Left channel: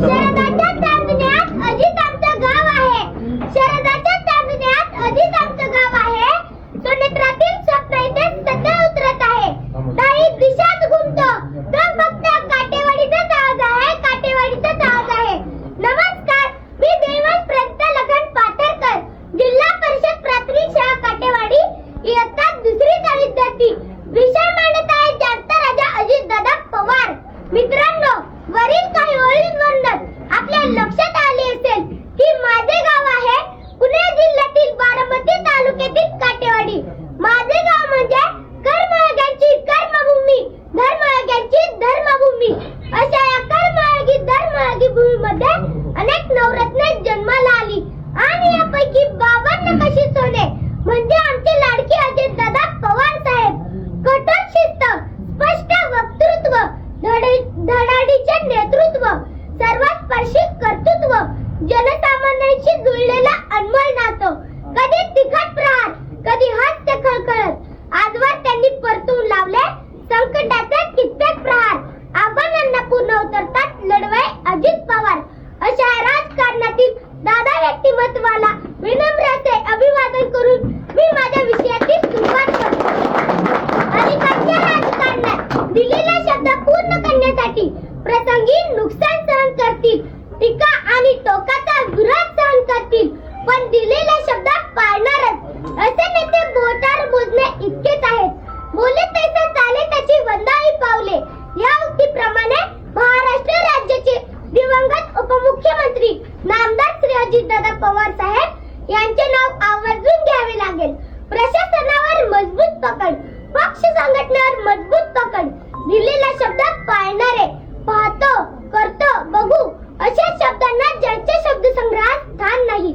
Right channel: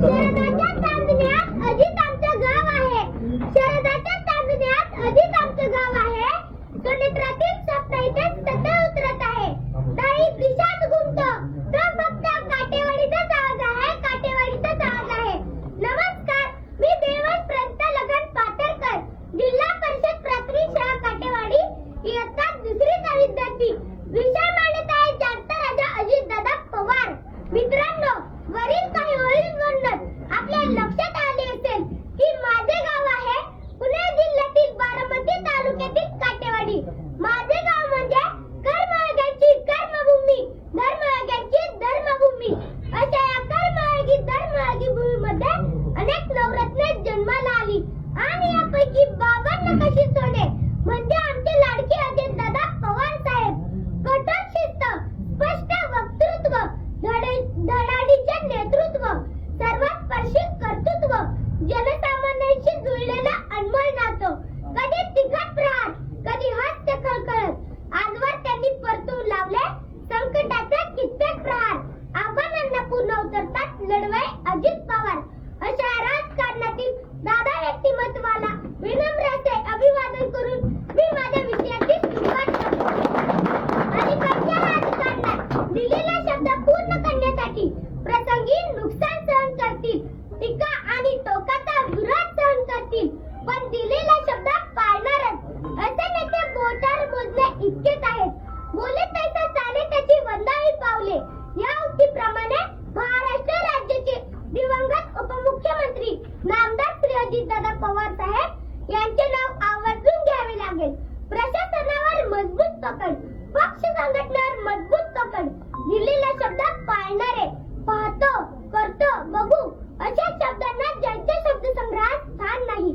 शरदाच्या चांदण्यात अजित आमचं गाव आहे. शरदाच्या चांदण्यात अजित आमचं गाव आहे. सोनेत्रातील स्वप्न इथे सध्या उतरत आहे. ताई दिशात घुमतो तो फक्त काटेवाडीचाच आवाज आहे. काटेवाडीचाच आवाज आहे. नमस्कार, मी देवश प्रज्ञा लखन पाथरकर, जिल्हा परिषद प्राथमिक शाळा काटेवाडी, इयत्ता दुसरीचा विद्यार्थी. विषय मांडत आहे जागता राजा अजितदादा पवार. मित्रांनो, वरील काही ओळींवरून आपल्या लक्षात आले असेल की माझे गाव आहे पुणे जिल्ह्यातील बारामती तालुक्यातील काटेवाडी. माझे गाव म्हणजे कर्मयोग्यांची कर्मभूमी, धर्मयोग्यांची धर्मभूमी. अशा या कर्मयोगी धर्मयोगी भूमीमध्ये अनेक नवरत्ने जन्माला आली आणि यापैकी बाबांना कशी सोने म्हणजे आमचे लाडके अजितदादा पवार साहेब. कठोर शिस्त, स्पष्ट वक्तृत्व, धडाडीचे नेतृत्व, सर्वस्पर्शी कर्तृत्व, जनसामान्यांशी जुळलेला अनमोल नातं. कधी तिखट प्रहार, कधी हास्य खळखळत, आजवर त्यांनी परतून लावले संकटाचे कित्येक प्रहार. आव्हानांना पूर्ण उतरतात लढवय अजित पवार. अशा राजकारणातील दादा व्यक्तिमत्वाला विनम्रते अभिवादन करून मी माझ्या विषयाची सुरुवात करतो. अलीकडच्या राजकारणात दिलेला शब्द पूर्ण करण्यासाठी प्रसंगी नुकसान सहन करतील, टीका आणि टोकाचा विरोध सहन करतील, पण दिलेला शब्द पाळणारच. असे नेते बोटावर मोजणे इतकेच आहेत. बोले तैसे चाले त्याची वंदाळी पावले. या उक्तीप्रमाणे महाराष्ट्र राज्याचे दिवंगत उपमुख्यमंत्री नामदार श्री अजितदादा पवार साहेब यांचे नाव आवर्जून घ्यावे लागेल. प्रशासनावर मजबूत पकड, पक्ष संघटनेवर मजबूत पकड, दिलेला शब्द पाळणारे, पाहतो, करतो, बघू अशा शब्दांना ज्यांच्या शब्दसंग्रहात स्थान नाही,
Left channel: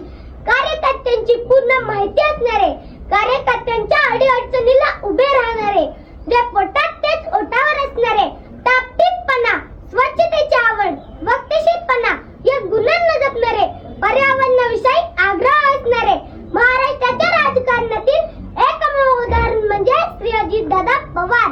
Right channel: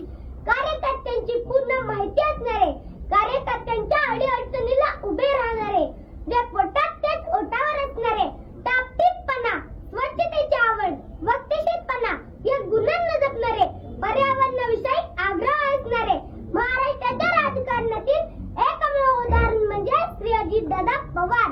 कार्यकर्त्यांची पूर्ण माहिती असणारे, कार्यकर्त्यांच्या अडीअडचणीला उभे राहणारे, जे पोटात तेच ओठावर असणारे, टापटीपणा, स्वच्छतेची आवड, वक्तशीरपणा या गुणांना जपणारे, पर्यावरणाविषयी आग्रह असणारे. महाराष्ट्राच्या राजकारणातील एकमेव उदाहरण म्हणजे श्री अजितदादा पवार.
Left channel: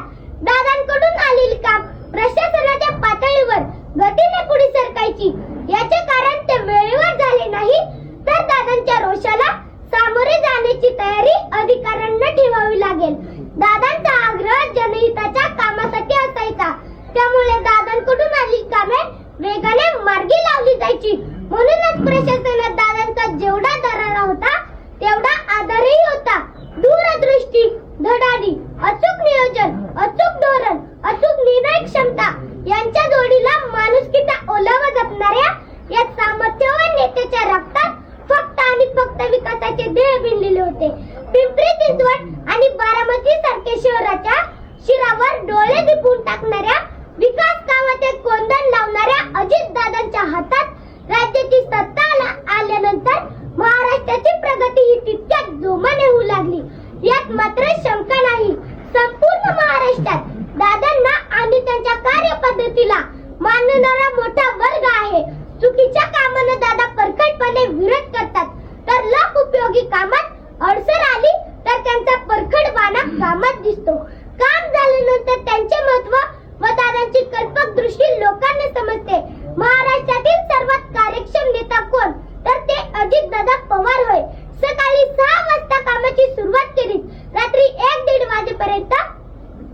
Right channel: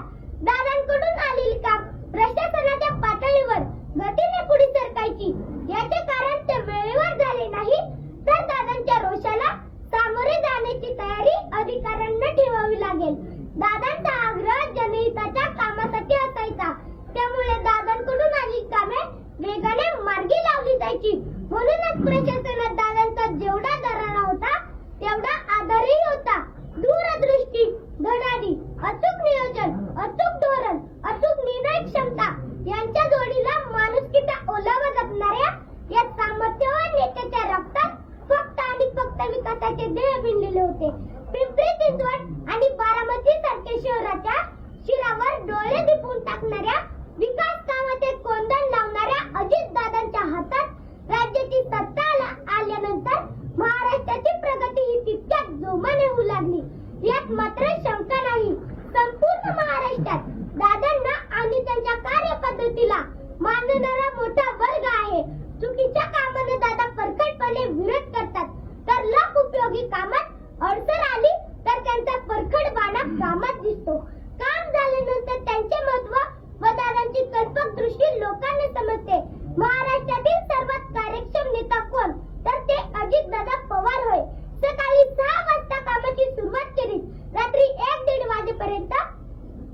दादांकडून आलेली काम प्रशासनाच्या पातळीवर गतीने पुढे सरकायची. याचे कारण ते वेळेवर झाले नाही, तर दादांच्या रोषाला सामोरे जाण्याची तयारी अधिकाऱ्यांना ठेवावी लागेल. दादांचा आग्रह जनहिताच्या कामासाठी असायचा, त्यामुळे दादांकडून आलेली कामे वेगाने मार्गी लावली जायची. म्हणूनच प्रशासनात दादांचा जेवढा दरारा होता तेवढा आधारही होता. दूरदृष्टी, धडाडी, अचूक नियोजन, अचूक धोरण, अचूक निर्णय क्षमता यांच्या जोडीला माणुसकीचा ओलावा जपणाऱ्या या सामर्थ्यवान नेत्याच्या रक्तात फक्त आणि फक्त विकासाचे ध्येय भिनलेले होते. पिंपरी चिंचवड आणि बारामती सारख्या शहराच्या शिरावर डोळे दिपून टाकणाऱ्या विकास कामाचे कोंदण लावणाऱ्या अजितदादांच्या हातात राज्याची सत्ता आल्यानंतर महाराष्ट्राची प्रगती ही तितक्याच जोमाने होऊ लागली. यात मात्र शंका नाही. संपूर्ण महाराष्ट्रात दादांना आणि त्यांच्या कार्यपद्धतीला मानणारा मोठा वर्ग आहे. चुकीच्या कामांना दादा परखडपणे विरोध करतात, तर लोक उपयोगी कामात अडचण आली तर त्यांचा परखडपणा कामात दिसतो. काम झाल्यानंतर त्यांचे महत्व व दादांची कल्पक दृष्टी लोकांना समजते. महाराष्ट्रातील सर्वात कार्यक्षम नेता कोण, तर ते अजितदादा पवार होय. सकाळी 6 वाजता कामाची सुरुवात केली, रात्री 1-1:30 वाजेपर्यंत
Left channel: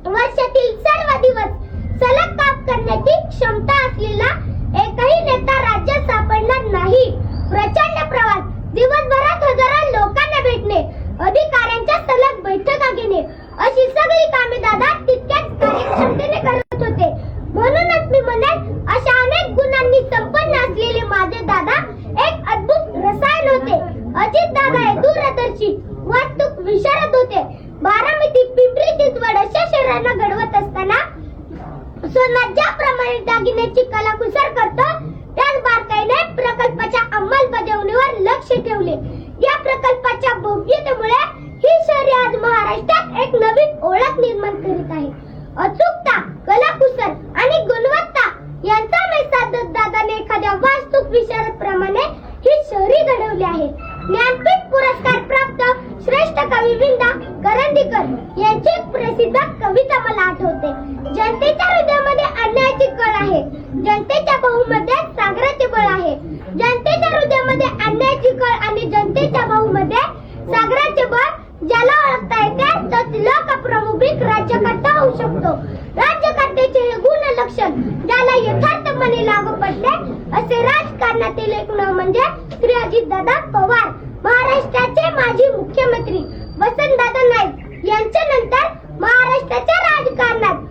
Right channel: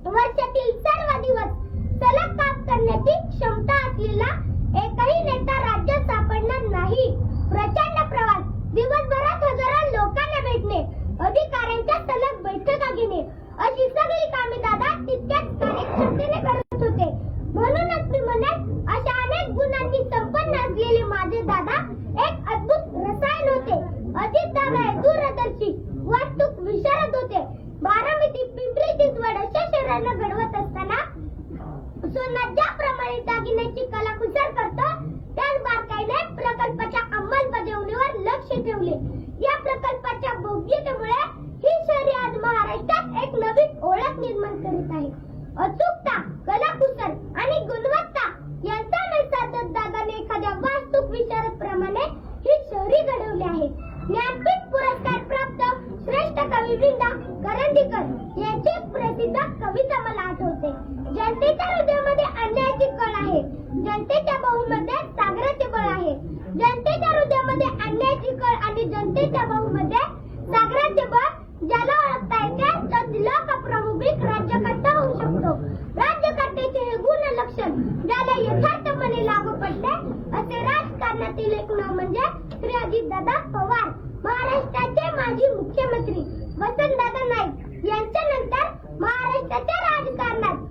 वर्षातील सर्व दिवस सलग काम करण्याची क्षमता असलेला एकही नेता राज्यात सापडणार नाही. प्रचंड प्रवास, दिवसभरात हजारो लोकांना भेटणे, अधिकाऱ्यांच्या सलग बैठका घेणे अशी सगळी कामे दादा तितक्याच कार्यक्षमतेने करत होते. म्हणूनच मी म्हणेन, अशा अनेक गुणांनी संपन्न असलेले माझे दादा एक अद्भुत रसायन होते. अजितदादा हे दूरदर्शी, वास्तूक विशारद होते. बारामती, पिंपरी चिंचवड अशा शहरांना घडवत असताना सोना ज्याप्रमाणे दागिन्याची कलाकुसर करतो, त्याच बारकाईने प्रकल्पाच्या अंमलबजावणीवर लक्ष ठेवले. या प्रकल्पाच्या भव्यतेमुळे ही शहरे आज महाराष्ट्रात एक नवीन ओळख निर्माण करीत आहे. अचूकता, कलाकुसर आणि गुणवत्ता यांचा मेळ दादाने एखाद्या वास्तूक विशारद प्रमाणे ही शहरी घडवली आहे. ज्ञानपीठ पुरस्कार प्राप्त श्रेष्ठ कवी विंदा करंदीकर यांची प्रसिद्ध कविता मला आठवते. जनतेच्या हृदयामध्ये अन्यायाची कळ आहे, जनतेच्या बहुमध्यात सागराचे जनतेच्या हृदयामध्ये अन्यायाची कळ आणि जनतेच्या भाऊमध्ये सागराचे बळ ज्याला ओळखता येते तो लोकप्रमुख राज्यकर्ता होऊ शकतो. राज्यकर्त्याचे हे गुण लक्षण ज्याला यथार्थपणे लागू पडले असे राजकारणातील एक नाव म्हणजे श्री अजितदादा पवार, महाराष्ट्राचे माजी मुख्यमंत्री वसंतदादा नाईक यांच्यानंतर महाराष्ट्राच्या राजकारणात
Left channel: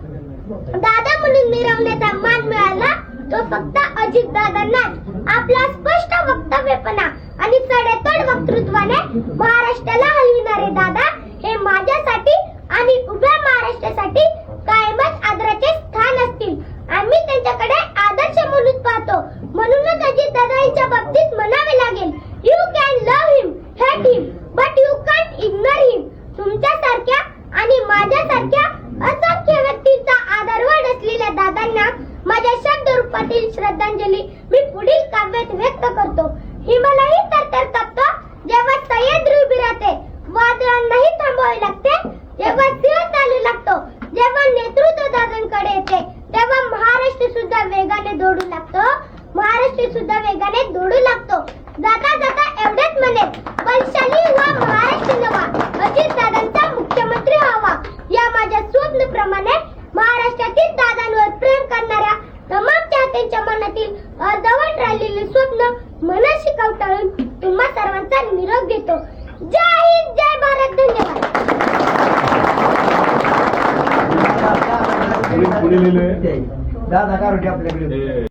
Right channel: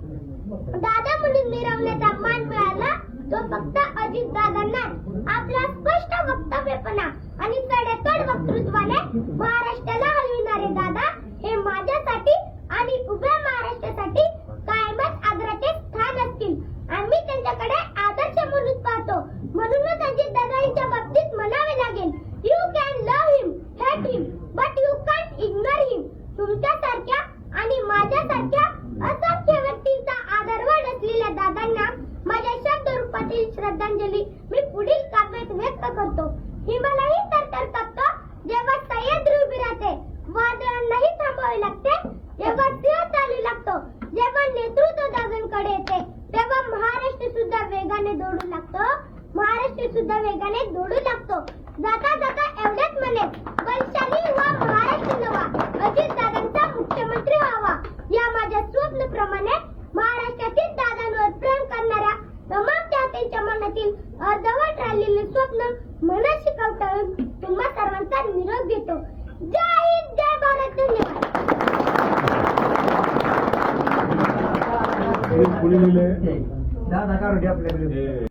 दादा म्हणून मिरवण्याचा मान मिळाला तो फक्त अजितदादांनाच. आपला स्पष्ट वक्तव्यपणा आणि सडेतोड वक्तृत्वाने महाराष्ट्राला हलविणारे दादा हे माझ्यासाठी आणि उभ्या महाराष्ट्रासाठी कायमच आदराचे स्थान असतील. आम्ही त्यांच्याकडे आदर्श म्हणून पाहतो. म्हणूनच अजितदादांच्या बाबतीत म्हणावे लागेल, you can love him, hate him, but you can't ignore him. तुमच्यासारख्या आणि माझ्यासारख्या असंख्य व्यक्तींचा आदरवड असलेल्या दादांना माझ्या शब्द रूपातील श्रद्धांजली मी पुढील काव्यात व्यक्त करतो. हिमालयही तरतर कापतो जेव्हा सह्याद्री उभी राहते, वादळांनाही थांबावे लागते जेव्हा सिंह चालू लागतो. जेव्हा नेतृत्व दादांकडे येते तेव्हा महाराष्ट्र सुद्धा वेगाने दौडू लागतो. महाराष्ट्र सुद्धा वेगाने दौडू लागतो. जाता जाता एवढेच म्हणेन, बलशाली हुआ महाराष्ट्र नवा, अजित दादांचा मुख्यमंत्री व्हावा. या माझ्या स्वप्नप्रमाणे महाराष्ट्रातील दादांवर प्रेम करणाऱ्या तमाम चाहत्यांच्या मनातील अर्धवट राहिलेले स्वप्न मनाशी कवटाळून तुम्हा सर्वांचा निरोप देतो. जय हिंद, जय भारत, धन्यवाद. पुढे लिहिलंय दादा कारोटे आपल्याकडे